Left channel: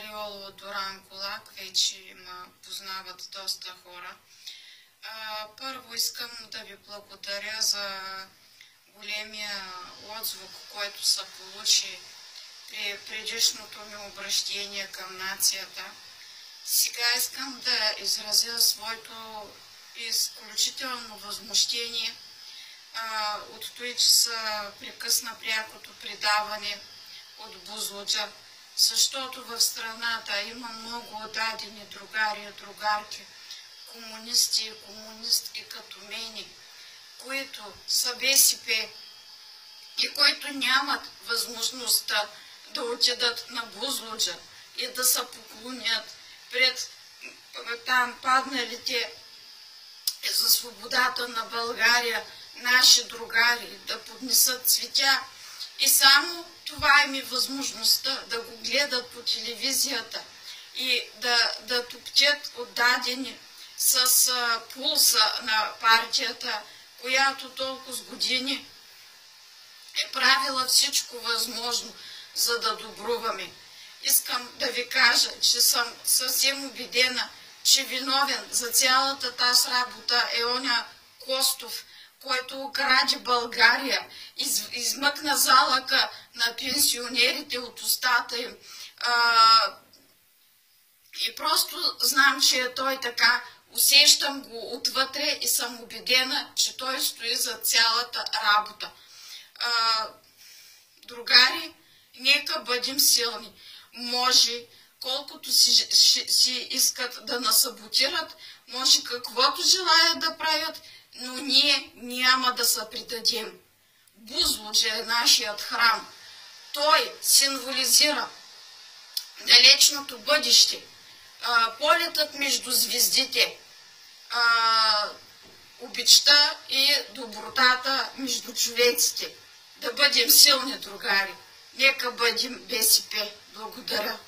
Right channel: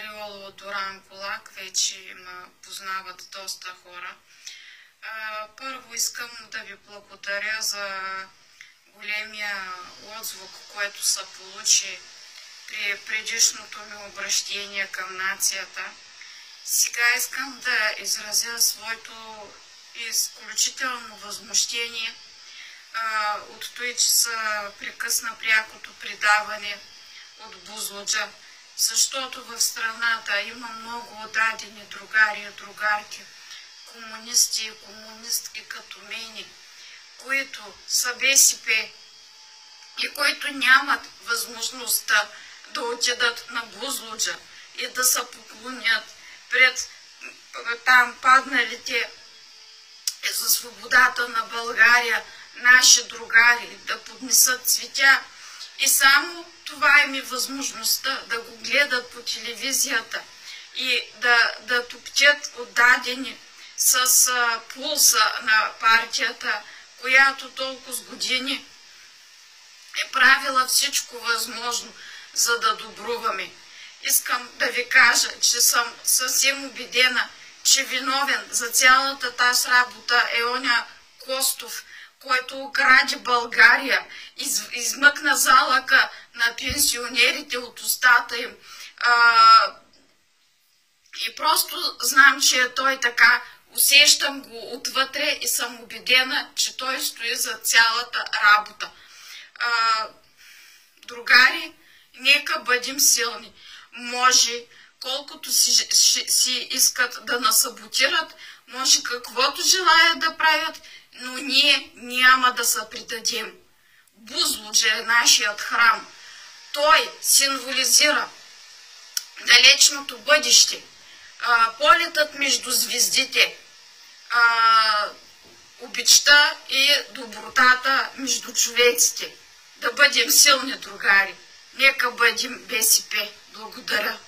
Ариола Доран Полак, вече ме познават доста хора. Първо искам да ви благодаря за големия отзвук, който се получи при предишното ми обращение към нацията. Сега искам да изразя своето изключително възмущение от това, че се прекъсна прякото предаване от Бузлуджа, защото в страната има много дадени другари и другарки, комунисти и комунистки като мене, които са БСП и които нямат възможността да отидат на Бузлуджа и да се поклонят пред там падналите за свободата на България наши другари, да поднесат цветя. И само това им е възможността да го гледат по телевизията и да топтят отдадени с пулса на партията, която толкова с години е правила всичко възможно, за да добруваме. Искам да ви кажа, че съм съвсем убедена, че виновен за цялата тази работа е оня Костов, който украде България, измъкна залъка на пенсионерите от устата им. И просто знам, че е той така, усещам го отвътре и съм убедена, че той стои за цялата работа. Другари, нека бъдем силни. Може, колкото си искат да насаботират, може каквото желаят да правят, но ние няма да се предадем. Бузлуджа е нашият храм. Той символизира далечното бъдеще, полетът между звездите, обичта и добротата между човеците. Да бъдем силни, другари. Нека бъдем БСП. Благодаря.